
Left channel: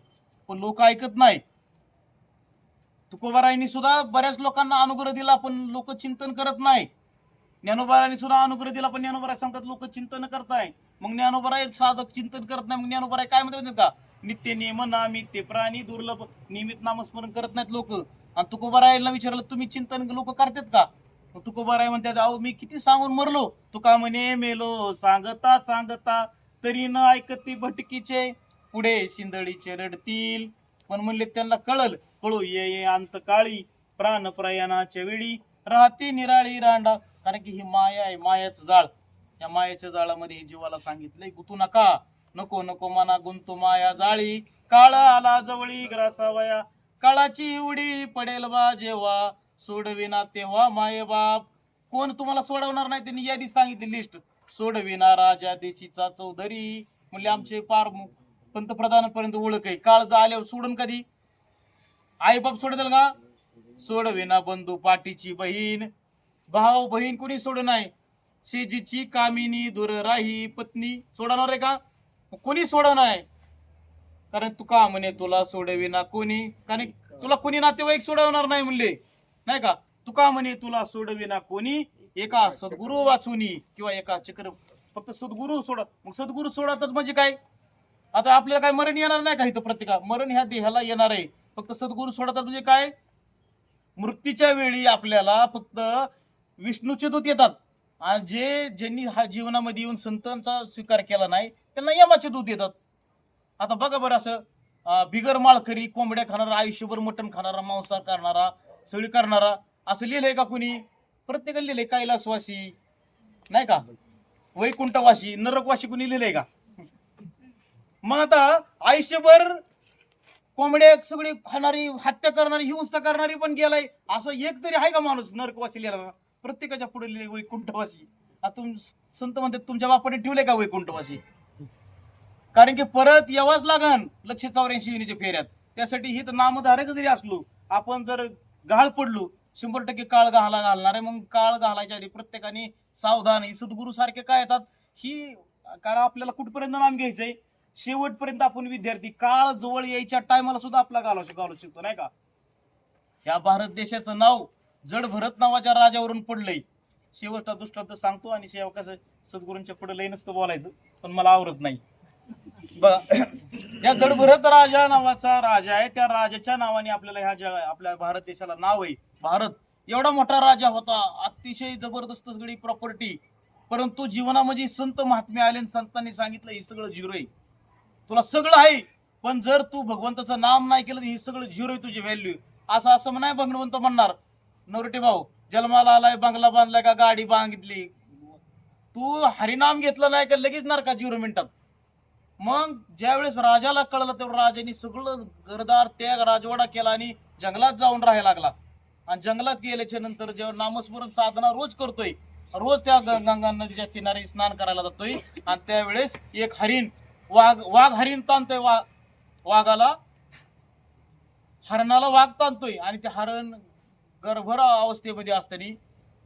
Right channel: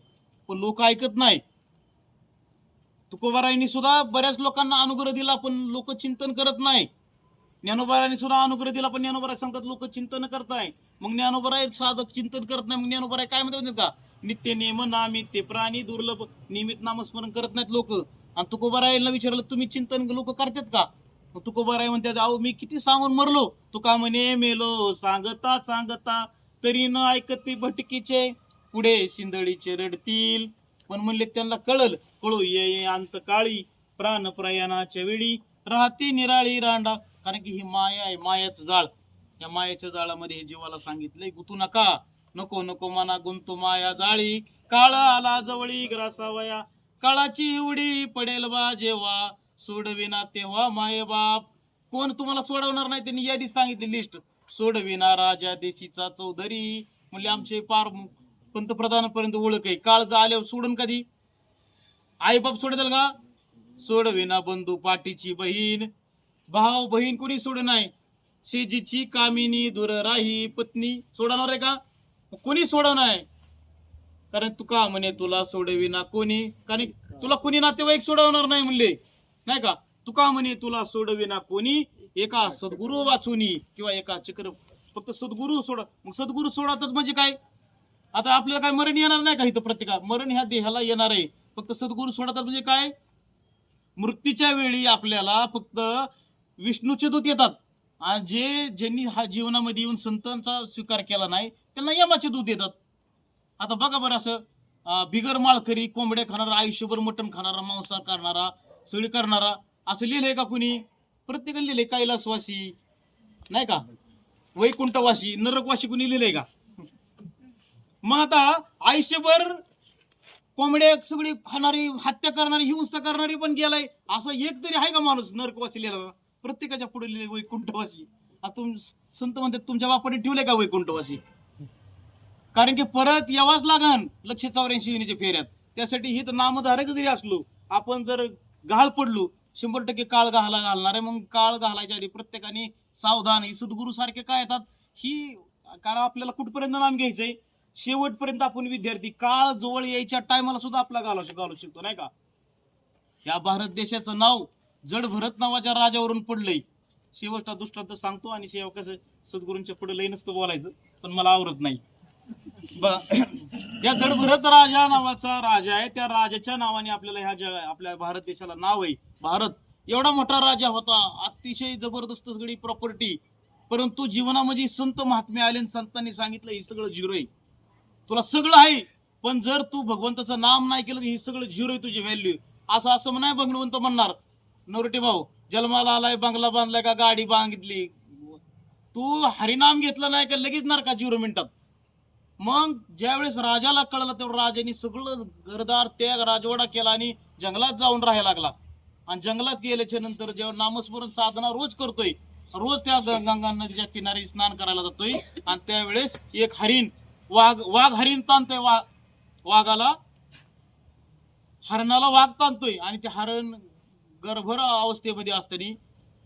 पण लोक ऐकत नाही. तुकोबारायांनी सुद्धा बऱ्याच लोकांना अनुग्रह दिला, पण लोक चिंतन करत नाही. ज्ञानोबारायांनी सुद्धा अनुग्रह दिला, पण ज्ञानोबाराय सांगतात लोक चिंतन करताय. मग ज्ञानोबाराय साधक चिंतन करत नाही. मग ज्ञानोबाराय काय म्हणतात का, नित्य नियम नामित्य प्राणी दुर्लभ, नियमित नामस्मरण करत नाहीत लोक. आणि तुकोबारायला विचारलं तुम्ही चिंतन लोक करतात का, तुकोबाराय म्हणतात अहो मी किती सांगून मरलो. तुका म्हणे मेलो सांगता तरी न ऐकती भटकीचे, पुढे शिंदळीचे रडतील. पण म्हणले त्यांना कळू ये अंत काळी, प्राण प्रयाणाच्या वेळी राहते निराळी रांडा. कारण की ही माया आहे, मायाचं जाळ. या मायाच्या जाळामध्ये हे जीवाला सांगितलंय गुतू नका, नको नको मना गुंतू माया जाळी. काळ आला जवळी ग्रासावया, काळाची उडी पडेल बा जेव्हा, सोडविना तेव्हा माये बाप. कोण तुम्हाला सोडवणार नाही, त्यांनी यादी सांगितली लिस्ट. सोडविना राजा देशीचा चौधरी, म्हणजे आमचे पार पंतप्रधानापर्यंत ओळख आहे. काळ आल्यावर सोडून कधी आई बाप सोडतील का? सोडविना बंधू पाठीची बहीण, भाऊ बहीण कोणी सोड नाही. शेजीची कामिनी दूर राही पत्नी सोडणार आहे का? कोणी सोडणार आहे. कारण तुका म्हणे तुला सोडविना कोणी, कारण तुला कोणी नातेवाईक सोडवणार नाही म्हणले नाही का. तुका म्हणे तुला सोडविना कोणी, एका सद्गुरू वाचुनी किंवा एका चक्र. फक्त सद्गुरू सोडा. मग सद्गुरू सोडतात म्हणजे काय? आता आपल्याला काय मरण येणार नाही का इथं? प्रत्येका मरण ह्या देहाला येणार आहे. फक्त सद्गुरू सोडतात म्हणजे काय? मृत्यूच्या वेळी आपल्याला फक्त विष्णूचे दूत येतात, आणि ज्यांनी हा जीवनामध्ये येऊन संतांचा स्वीकार केला नाही त्यांना यमाचे दूत येतात. आता बघा बरं, असं बिगर माळकरी, कोंबड्या खाणारा, आयुष्यभर मटण खाणारा, मांसाहार करणारा, सगळी करणारा, असं लिहिलंय का कुणी? प्रत्येकाने लिहिलंय. कैलासवासी नाही का, वैकुंठवासी, नरकवासी कुणी लिहिलंय का? मग आता आयुष्यभर कोंबड्या सगळी खाणारी, हत्या करणारी, हिंसा करणारी पण गेलाय, असं एक तरी आहे का माणूस नरकवासी लिहिला? प्रत्येकाच्या पुढे लिहिले वैकुंठवासी. आता संत म्हणतात तुमच्या बापाने ठेवले का वैकुंठवासी? कारण की परत यावाच लागन 184 फेऱ्यात. त्यासाठी ही तर नामधारक जरी असलो, आपण जर गहाळ पडलो, 100% काळ घालणार आहे. मग काळ घालायच्या आधी प्रत्येकाने सावधान. ही सद्गुरू सारखे काय येतात ही, कारण आपल्याला कुठपर्यंत नाम घ्यायचंय, शेवटपर्यंत आपण विद्यार्थी. काळ जवळ यायच्या टायमाला सुद्धा आपला घालू शकतो नाही का. या भारत देशाचं नाव जड भरत नावाच्या राजावरून पडलंय. शेवटचा दृष्टांत सांगतो, आणि कसं सद्गुरूंच्या पुढे लई नसतं बोलायचं, पण मला आवडत नाही. या जडभरत राजा नावाचा राजा आहे. त्या राजाच्या नावाने आपल्याला आपल्या भारत देशाला नाव आहे. भारत एवढा मोठा राजा होता, अतिशय जबरदस्त सगळी प्रॉपर्टी. परंतु जीवनामध्ये संत महात्मे आले, संतांनी सांगितलं हे सगळं झिरो आहे. तुला सगळं आहे, पण जर तू भगवंताचं नाम नाही केलं तर हे सगळं झिरो आहे, तुझी व्हॅल्यू. असं नाही भगवंत म्हणणार. नवरटे भाऊ जन्माला आलाय, बंगला बांधलाय का गाडी बांधितली, तू हरिनाम घेतलं नाही का लगेच नरका 0 मिनिटात. मग ज्यावेळेस राजाला कळलं तेव्हा राजाने सगळं घरदार त्याग राजवाडा केला आणि जंगलात जाऊन राहायला लागला. आणि जंगलात गेल्याच्या नंतर जेव्हा नामस्मरण साधना रोज करतोय, रोज त्या गंगा नदीच्या किनारी स्नान करायला जातोय, आणि त्यावेळेस एक हरिण, वाघ हरिण ताणतोय, वाघाला हरणाला वाघ ताणतोय, आणि ते हरण गर्भर अवस्थेमध्ये असताना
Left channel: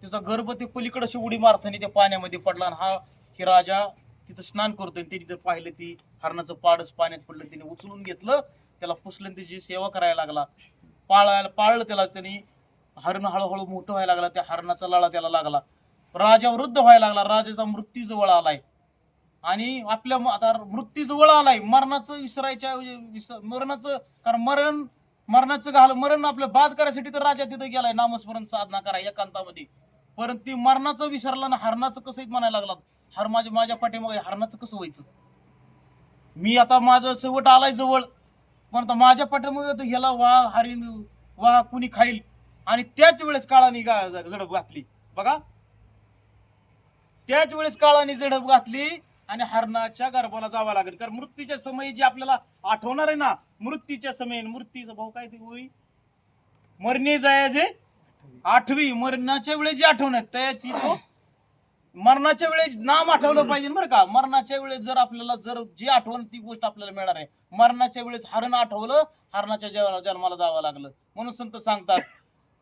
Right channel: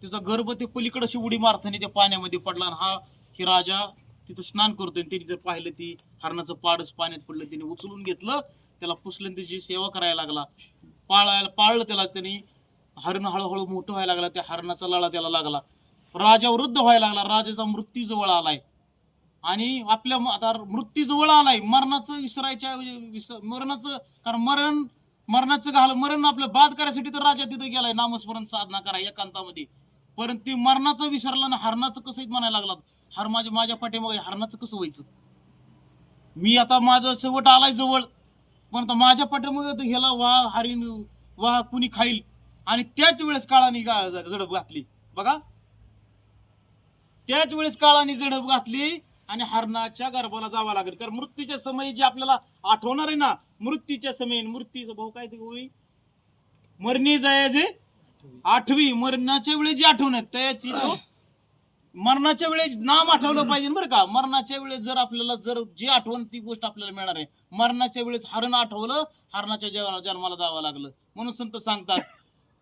त्याचा गर्भ ते पलीकडे अशी उडी मारताना त्या पाण्यामध्ये पडला. आणि ही राजा तिथं स्नान करतोय. तिने जर पाहिलं ती हरणाचं पाडच पाण्यात पडलं, तिने उचलून घेतलं, त्याला पुसलं, त्याची सेवा करायला लागला, पाळलं त्याला. त्यांनी हरण हळूहळू मोठं व्हायला लागला, त्या हरणाचा लळा त्याला लागला, राजा वृद्ध व्हायला लागला, राजाचा मृत्यू जवळ आलाय. आणि आपल्या आता मृत्यू जवळ आलाय, मरणाचं मरणाचं, कारण मरण आपलं बाद करायसाठी तर राजा तिथं गेलाय नामस्मरण साधना करा एकांतामध्ये. परंतु ती मरणाचं विसरलं ना. हरणाचं कसं म्हणायला लागला, हर माझ्या पाठीमागे, हरणाचं कसं व्हायचं? मी आता माझं शेवट आलाय जवळ, पण आता माझ्या पाठीमागे ह्याला वाघ कुणी खाईल. आणि त्याच वेळेस काळाने झडप घातली. बघा, त्याच वेळेस काळाने झडप घातली आणि हरणाच्या गर्भाला जावं लागेल. कारण मृत्यूच्या समयी जे आपल्याला आठवणार आहे ना, मृत्यूच्या समयी, मृत्यूचा भाऊ काय ते होई, मरणे जायचे 8वी, मरणाच्या वेळेस जी आठवण आहे त्याची मरणाच्या वेळेस नाम आठवलं पाहिजे बरं का. मरणाच्या वेळेस जर आपल्याला जी आठवण ती गोष्ट आपल्याला मिळणार आहे. मरणाच्या वेळेस हरण आठवलं, हरणाच्या जन्माला जावं लागलं. म्हणून संत सांगतात,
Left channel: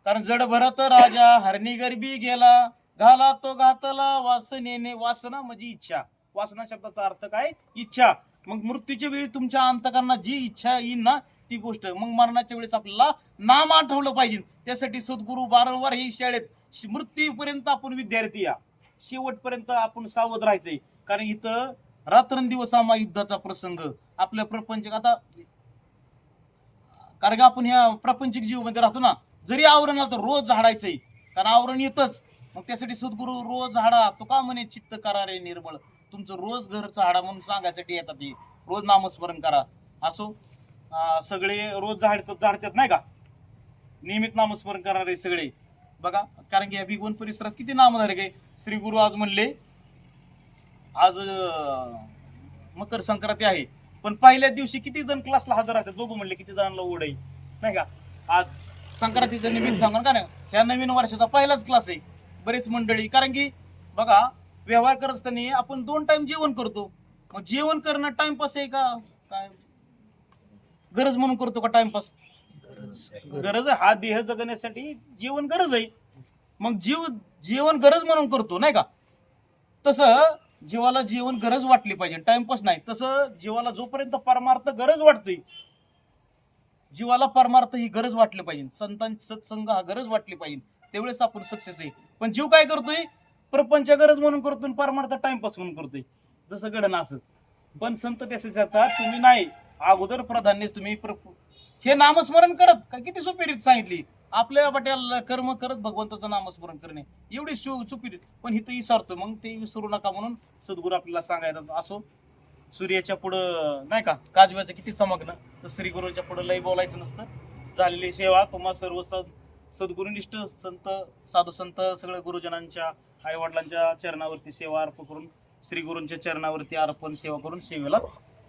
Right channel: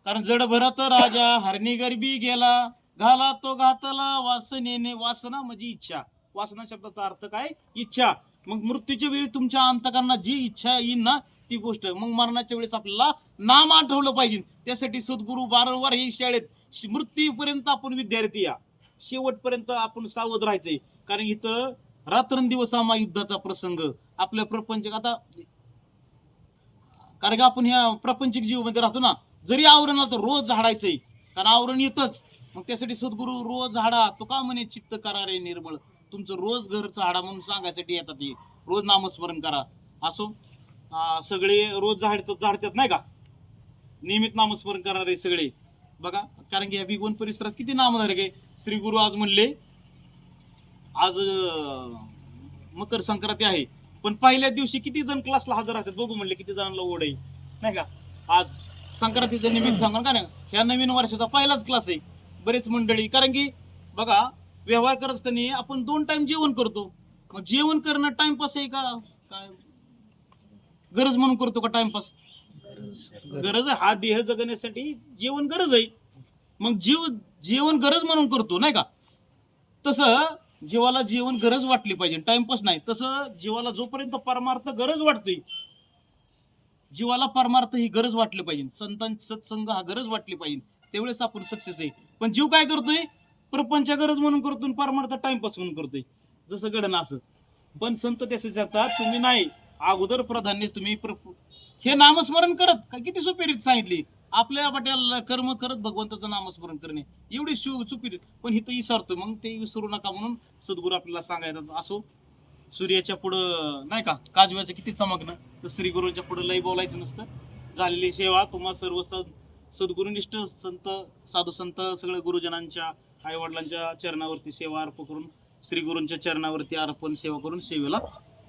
कारण जड भरत राजा हरणी गरबी गेला, घाला तो घातला वासनेने. वासना म्हणजे इच्छा. वासना शब्दाचा अर्थ काय? इच्छा. मग मृत्यूच्या वेळी तुमच्या अंतकरणात जी इच्छा येईल ना ती गोष्ट. मग मरणाच्या वेळेस आपल्याला नाम आठवलं पाहिजे. त्यासाठी सद्गुरू वारंवार ही शाळेत मृत्यूपर्यंत आपण विद्यार्थी या, शेवटपर्यंत आपण सावध राहायचंय. कारण इथं रात्रंदिवस आम्हा युद्धाचा प्रसंग आपल्या प्रपंच. आता कारण की आपण ह्या प्रापंचिक जीवमध्ये राहतो ना, जरी आवरण आलं तर रोज झाडायचंय, कारण आवरण येतच. मग त्यासाठी सद्गुरू रोज झाडा. तो का म्हणे चित्त करा रे निर्मळ, तुमचं रोज घरचा हाडा म्हणून सांगायसाठी येतात ते, रोज नामस्मरण करा. असो सगळे रोज झाडतात नाही का, नियमित नामस्मरण करणारे सगळे बघा. कारण की या भिगवण परिसरात किती नामधारक आहे. श्री गुरु आज म्हणले, आज मकर संक्रांती आहे, पण पहिल्या दिवशी किती जण क्लासला हजर राहतात बघू म्हणले, किती जणांना ओढ आहे नाही का. आज संक्रांतीचं निमित्त सांगा का नाही, ह्या नवीन वर्षाचा पहिलाच क्लास आहे. बरेच मंडळी, कारण की बघा व्यवहार करत असताना आपण 2 टाइम जेवण करतो. मग जेवण करणं टाइमपास आहे का काय, गरज म्हणून करतो का टाइमपास? गरज आहे. हा देह जगण्यासाठी जेवण गरज आहे. मग जेवण गरज म्हणून करतो नाही का. तसं जीवाला जेवण गरज वाटली पाहिजे, टाइमपास नाही. तसं जीवाला जोपर्यंत परमार्थ गरज वाटतोय, जीवाला परमार्थ ही गरज वाटली पाहिजे, संतांची सत्संग हा गरज वाटली पाहिजे, त्यावेळेस आपण सक्सेस आहे. पण जीव काय करतोय, प्रपंच गरज म्हणून करतोय, परमार्थ टाइमपास म्हणून करतोय, जसं घडणं असं. पण संत तसेच आता तुम्ही नाही, अगोदर प्राधान्य तुम्ही हे नामस्मरण करत का, किती सोपी रीत सांगितली आपल्या वाट्याला, कर्म करत भगवंताचं नामस्मरण करणे, एवढी सोपी रीत. पण इथं विसरतो, मग ते विसरू नका म्हणून सद्गुरू आपल्याला सांगायचं. असो सूर्याच्या पुढं नाही का काजव्याचं किती चमकणं, तर श्री गुरूंच्या पुढं लय बोलायचं नसतं. झालेली सेवा तुम्हा सर्व सद्गुरुनिष्ठ संत, साधू संत, सगळ्या गुरुजनांच्या आई वडिलांच्या चरणावरती सेवा अर्पण करून, श्री गुरूंच्या चरणावरती अर्पण सेवा करून सेवेला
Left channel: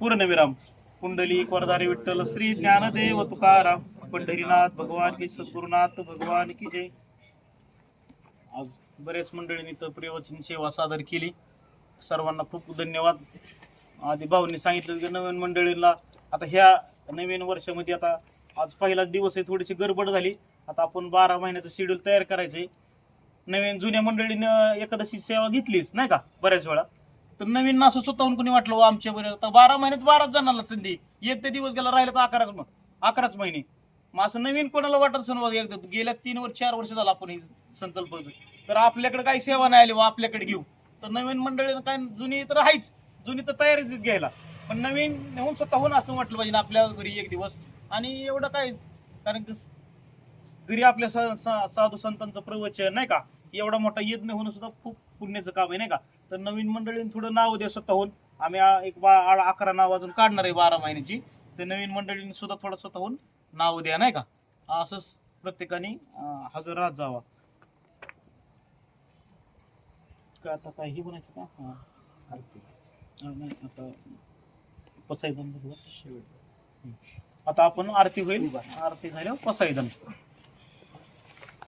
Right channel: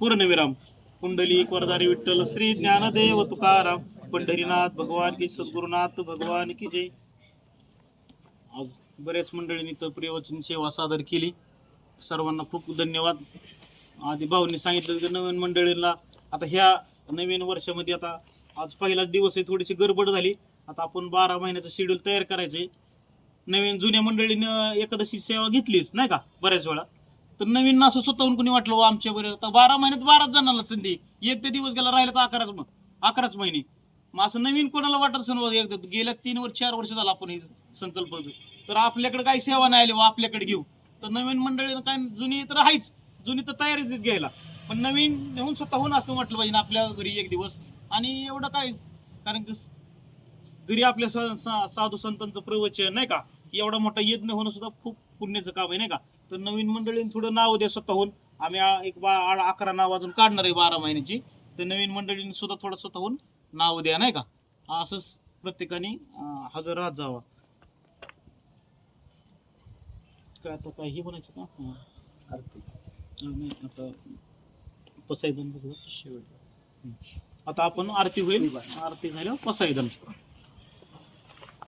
पूर्णविराम. कुंडलिक वरदारी विठ्ठल श्री ज्ञानदेव तुकाराम, पंढरीनाथ भगवान की, सद्गुरुनाथ भगवान की जय. आज बरेच मंडळींनी तर प्रियवचन सेवा सादर केली, सर्वांना खूप धन्यवाद. आधी भाऊंनी सांगितलं की नवीन मंडळींना आता ह्या नवीन वर्षामध्ये, आता आज पहिलाच दिवस आहे, थोडीशी गडबड झाली. आता आपण 12 महिन्याचं शेड्यूल तयार करायचंय. नवीन जुन्या मंडळीनं एकादशी सेवा घेतलीच नाही का बऱ्याच वेळा, तर नवीन असं स्वतःहून कोणी वाटलं आमच्या बरोबर. आता 12 महिन्यात 12 जणांना संधी, एक ते दिवस गेला राहिला तर 11च महिने. मग असं नवीन कोणाला वाटत असं एकदा गेल्या 4 वर्ष झालं आपण हे संकल्प, तर आपल्याकडे काही सेवा नाही आली आपल्याकडे घेऊ. तर नवीन मंडळीनं काय, जुनी तर आहेच, जुनी तर तयारीच घ्यायला, पण नवीन नेऊन स्वतःहून असं म्हटलं पाहिजे आपल्या घरी एक दिवस. आणि एवढं काय, कारण की घरी आपल्या साधू संतांचं प्रवचन नाही का, एवढा मोठा यज्ञ होणं सुद्धा खूप पुण्याचं काम आहे नाही का. तर नवीन मंडळींनी थोडं नाव द्या स्वतःहून. आम्ही एक 11 नाव अजून काढणार आहे 12 महिन्याची, तर नवीन मंडळींनी सुद्धा थोडं स्वतःहून नाव द्या नाही का. असंच प्रत्येकाने हजर राहत जावा. काय आता काय हे म्हणायचं का, नाही आता पसायदान. आता आपण आरती होईल, आरती झाल्यावर पसायदान.